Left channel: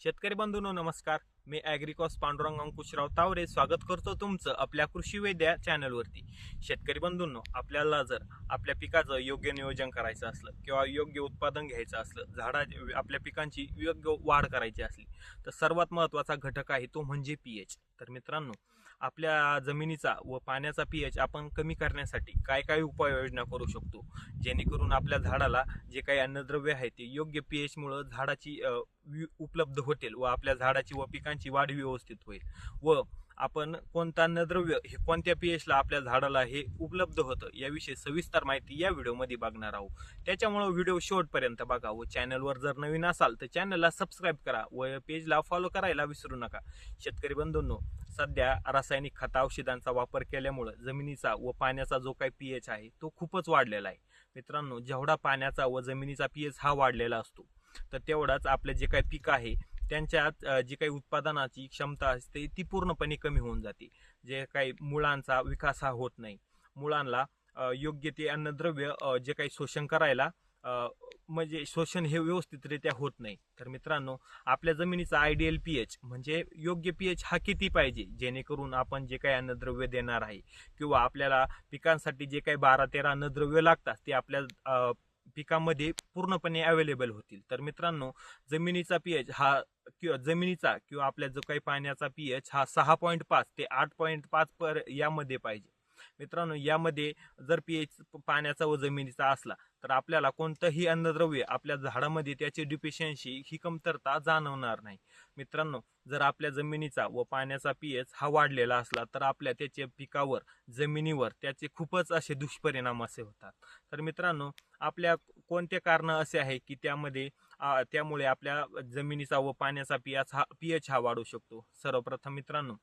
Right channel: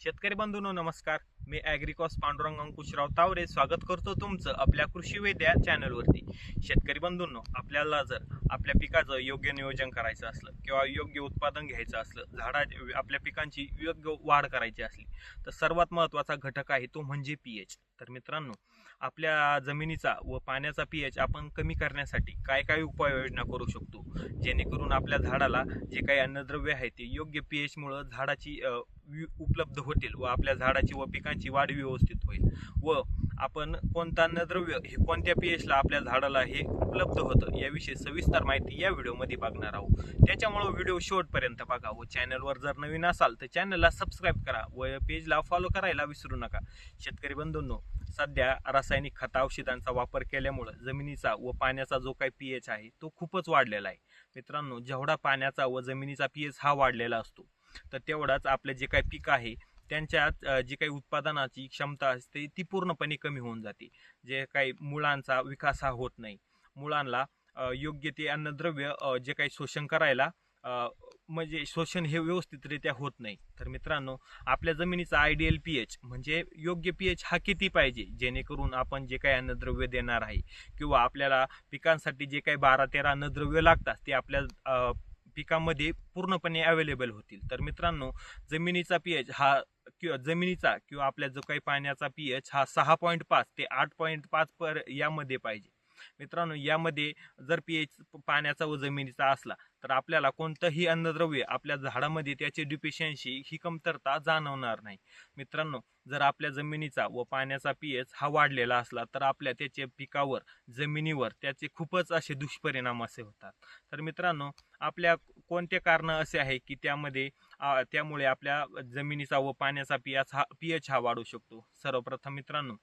शेतकरी बंधूंनो नमस्कार. मी ॲग्रिकॉस पांडुरंग अंकुशराव तावरे स्वागत करतो तुमचं आपल्या कृषी वेद्या चॅनलवरती. शेतकरी बंधूंनो, आपल्याला जर आपल्या पिकाचं योग्य नियोजन करायचं असलं किंवा योग्य उत्पादन घ्यायचं असलं, आपल्या पिकांची योग्य वाढ करायची असली तर सर्वात महत्त्वाचा घटक आहे तो म्हणजे पीएच. तर मित्रांनो, आपल्या जमिनीचा व पाण्याचा पीएच आपण कमी करण्यासाठी काय काय उपाययोजना करू शकतो, जेणेकरून आपल्या झाडाला जे काही अन्नद्रव्य आहे ते योग्य पीएच मुळे झाडाची उपलब्ध होतील व आपल्या झाडाची व पिकांची वाढ व्यवस्थित होईल व आपण कोणतं अन्नद्रव्य हे कोणत्या पीएचला आपल्या झाडाला हे उपलब्ध होतं याविषयी सविस्तर माहिती या व्हिडिओमध्ये बघणार आहोत. त्याच्यामुळे व्हिडिओ शेवटपर्यंत बघा व चॅनलवर जर नवीन असाल तर चॅनलला सबस्क्राईब करा व पेजला फॉलो करायला विसरू नका. शेतकरी बंधूंनो, सध्या रासायनिक खत औषधांचा वापर केल्यामुळे जमिनीचा व पाण्याचा जो काही पीएच आहे तो खूपच वाढलेला आहे. मित्रांनो, जेवढा पाण्याचा व जमिनीचा पीएच हा वाढलेला असतो तर तेवढाच आपले जे काही पीक आहे त्यांच्यात जी काही उत्पादनाची क्षमता असते ती पूर्णपणे कमी होऊन जाते. जे काही मुळांचा विकास हा होत नाही, मुळांना योग्य ते अन्नद्रव्य जे काही शोषण करायला म्हणजे शोषण हे व्यवस्थितरित्या होत नाही. तर मित्रांनो, आपल्या जमिनीचा आयडियल पीएच म्हणजे योग्य पीएच हा किती पाहिजे, जेणेकरून आपण जे काही अन्नद्रव्य देणार आहे किंवा आपल्याला पिकांसाठी जे काही 12-13 अन्नद्रव्य लागतात ते आपल्या पिकामध्ये पूर्णपणे अवेलेबल होतील. तर मित्रांनो, जमिनीचा पीएच हा किंवा आपल्या जो काही पाण्याचा पीएच हा 6.5 ते 8.5 यामध्ये पाहिजे. मित्रांनो, यामध्ये जर पीएच पाण्याचा व जमिनीचा असला तर आपल्याला कोणतंही अन्नद्रव्य आपल्या झाडामध्ये त्याची डिफिशियन्सी ही कमतरता जाणवणार नाही. मित्रांनो, जर आपल्या जमिनीचा व पाण्याचा पीएच हा वाढलेला असला तर आपल्या त्याच्या पिकावर जमिनीवर त्याचे खूपच असे दुष्परिणाम असे होतात. तर मित्रांनो, आपल्या कोणते कारण असे आहे की त्यामुळे आपल्या जमिनीचा व पाण्याचा पीएच हा वाढू शकतो. सर्वप्रथम मित्रांनो,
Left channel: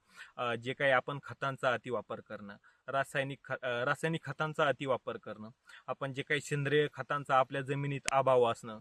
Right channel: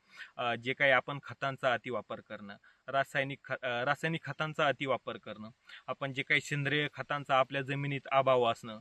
जे काही आपण खतांचा अतिवापर करणं, रासायनिक खतांचा अतिवापर करणं, आपण जे काही सेंद्रिय खतांचा आपल्या जमिनीत अभाव असणं,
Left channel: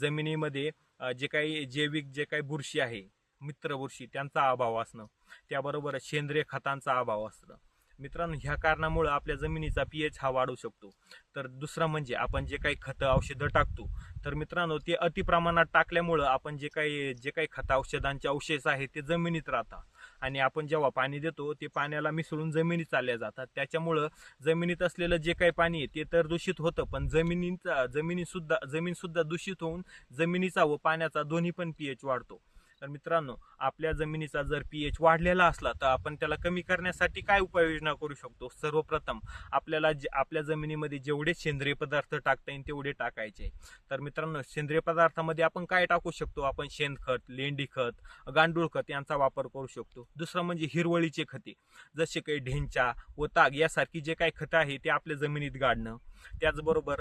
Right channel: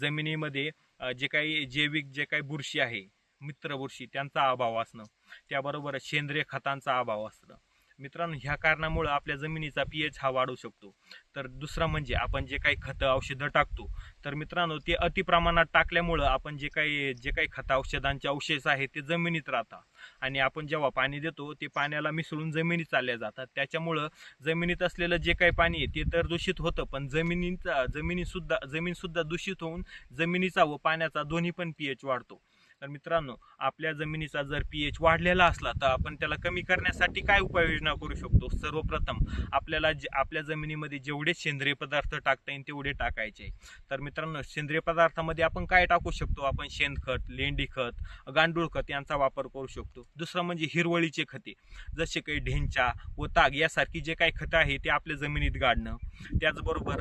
जमिनीमध्ये जे काही जैविक जे काही बुरशी आहे, मित्र बुरशी, त्यांचा अभाव असणं, त्याबरोबर सेंद्रिय खतांचा अभाव असणं. मित्रांनो, ह्या कारणामुळे आपल्या जमिनीचा पीएच हा वाढू शकतो. तर दुसरं म्हणजे आपण जे काही खतं औषधं टाकतो तर मित्रांनो, ते अतिप्रमाणात टाकल्यामुळं आपण जे काही खत औषधांचे अवशेष आहेत ते जमिनीत राहतात आणि आपण जेव्हा पाणी देतो ते पाण्याला मिसळून जमिनीत चालल्या जातात. त्याच्यामुळं जमिनीत असलेलं जे काही पाणी आहे ते तर दूषित होतं, पण जमीन सुद्धा दूषित होऊन जमिनीचा व पाण्याचा दोन्ही पण पीएच वाढतो. तर मित्रांनो, आपल्या जमिनीचा जर पीएच वाढलेला असला तर आपण त्याला कमी करण्यासाठी काय उपाययोजना करू शकतो. सर्वप्रथम आपल्याला आपल्या जमिनीमध्ये जेवढे सेंद्रिय पदार्थ टाकता येईल तेवढे टाकायचे. तर मित्रांनो, सेंद्रिय पदार्थामध्ये आपण काय टाकू शकतो, आपण शेणखत, लेंडी खत, गांडूळ खत यांचा वापर करू शकतो. दुसरं म्हणजे हिरवळीचे खते, जसे काही ढेंचा व ताग यासारखी जे काही खतं आहे ते आपल्या जमिनीत गाडणं. त्याचबरोबर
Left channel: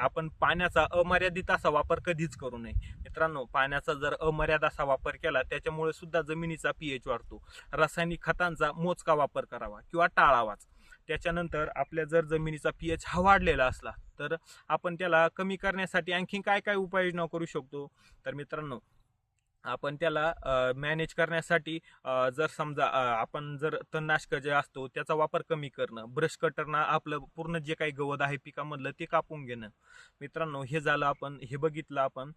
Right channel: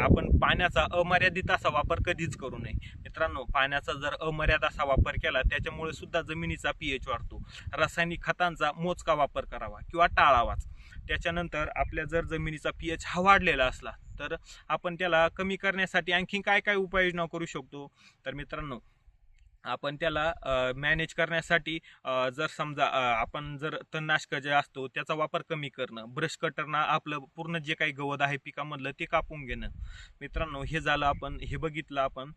आपण पाण्याचा अमर्यादित असा वापर कधीच करू नये. मित्रांनो, पाण्याचा जर अमर्यादित असा वापर केला त्याच्यामुळे सुद्धा जमिनीचा पीएच वाढतो. रासायनिक खतांचा मोजका वापर करावा किंवा टाळावाच. त्याच्यानंतर आपल्या जर जमिनीचा पीएच हा वाढलेला असला तर आपण त्याला कमी करण्यासाठी आणखी काय काय उपाययोजना करू शकतो. तर मित्रांनो, आपण त्याला मॅनेज करण्यासाठी जर समजा आपण जर तणनाशक जे असतो त्याचा वापर कमी करणं, ब्रश कटरना आपलं पूर्ण जे काही गवत आहे पिकामधलं ते कापून घेणं. मित्रांनो, हे झालं, आपण हे बघितलं आपण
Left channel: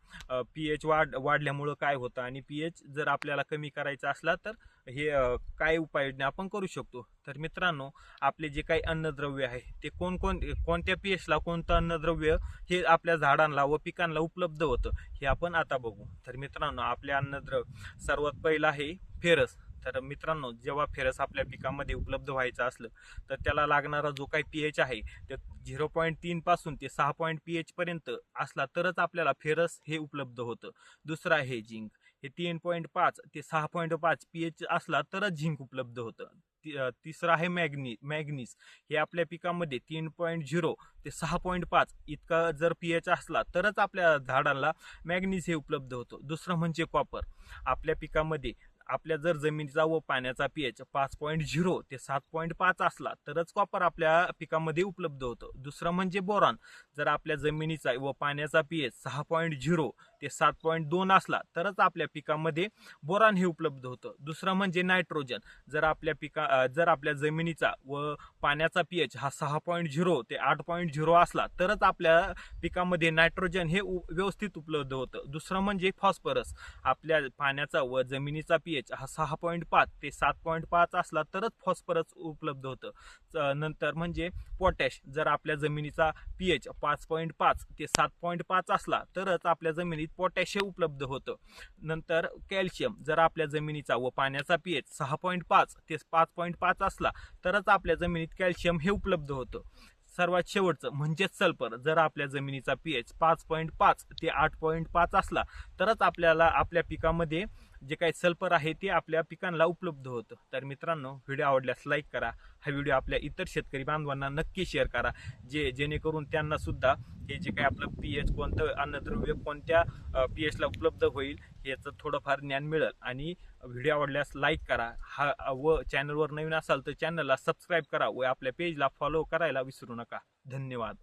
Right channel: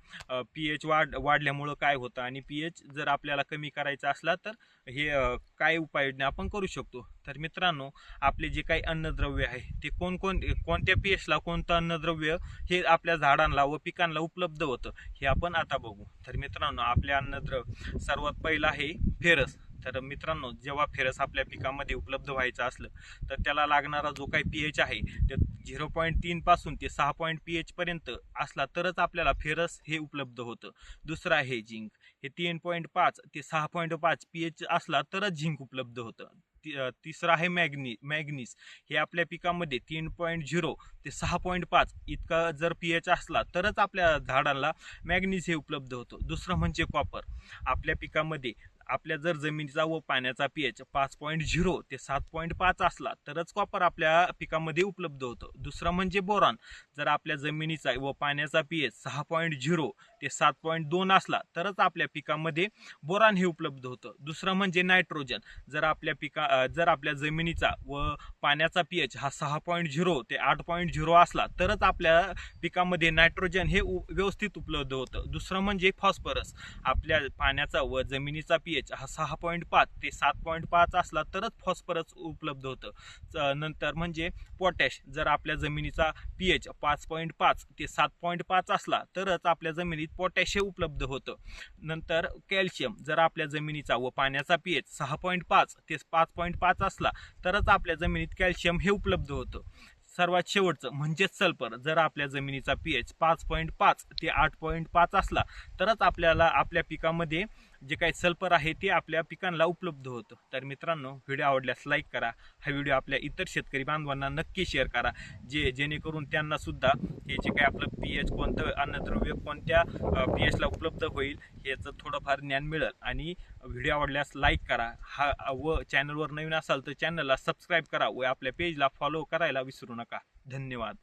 पीएच वाढल्यामुळं काय होतं आणि पीएच जर आपल्याला कमी करायचा असला तर हे काय उपाययोजना आपण करू शकतो. तर मित्रांनो, आपले जे काही अन्नद्रव्य आहे ते कोणत्या पीएचला कोणतं अन्नद्रव्य हे आपल्या झाडांना व पिकांना उपलब्ध होतं हे आपण आता बघू. तर मित्रांनो, आपल्या अन्नद्रव्य सर्वात पहिलं आहे फेरस. तर मित्रांनो, जेव्हा फेरस आपल्या पिकामध्ये उपलब्ध व्हायचं असलं तर त्याला लागणारा जो काही पीएच आहे ते 0.3 पासून ते 6 पीएच पर्यंत असला तरच आपल्याला फेरस हे उपलब्ध होतं. दुसरं आहे झिंक, हे 3.5 ते 6.5 पीएच असला तरच झिंक उपलब्ध होतं. तिसरं आहे मॅग्नीज, हे आपल्या पिकामध्ये 3.0 ते 6.5 इतका जर पीएच असला तरच आपल्या झाडांना मॅग्नीज हे उपलब्ध होतं. दुसरं म्हणजे कॉपर, आपल्या पिकामध्ये आपल्या जर जमिनीचा व पाण्याचा pH 5.0 ते 7.5 असला तरच कॉपर आपल्या पिकामध्ये उपलब्ध होतं. दुसरं म्हणजे बोरॉन. जर आपल्या जमिनीचा व पाण्याचा pH 6.0 ते 7.2 असला तरच आपल्या पिकामध्ये बोरॉन हे उपलब्ध होतं. दुसरं म्हणजे नायट्रोजन. जर आपल्या जमिनीचा व पाण्याचा pH हा 6.0 ते 8.0 असला तरच आपल्या पिकामध्ये नायट्रोजन हे व्यवस्थित उपलब्ध होतं. दुसरं म्हणजे फॉस्फरस. आपल्या पाण्याचा व जमिनीचा pH हा 6.5 ते 7.5 असला तरच फॉस्फरस उपलब्ध होतं. नंतर म्हणजे पोटॅश. जर आपल्या जमिनीचा pH 5.5 ते 7.5 असला तरच आपल्या जमिनीत पोटॅश हे उपलब्ध होतं. नंतर कॅल्शियम. जर आपल्या जमिनीचा व पाण्याचा pH 6.5 ते 5.5 असला तरच आपल्या जमिनीत कॅल्शियम हे उपलब्ध होतं. सर्वात शेवटचं म्हणजेच सल्फर. जर आपल्या जमिनीचा pH 5.5 ते 8.5 असला तरच आपल्या पिकामध्ये जे काही सल्फर आहे ते आपल्या पिकांना उपलब्ध होतं. तर मित्रांनो, व्हिडिओ आवडल्यास लाईक करा. हा व्हिडिओ आपल्या इतर शेतकरी बांधवांना नक्की शेअर करा, जेणेकरून त्यांना सुद्धा हे जे काही आपलं pH कोणतं अन्नद्रव्य कोणत्या pH ला उपलब्ध होईल याचं थोडंफार ज्ञान मिळेल. आणि व्हिडिओ आवडल्यास लाईक करा. व चॅनलवर नवीन असाल तर चॅनलला सबस्क्राईब करा व आपल्या पेजला फॉलो करायला विसरू नका. धन्यवाद.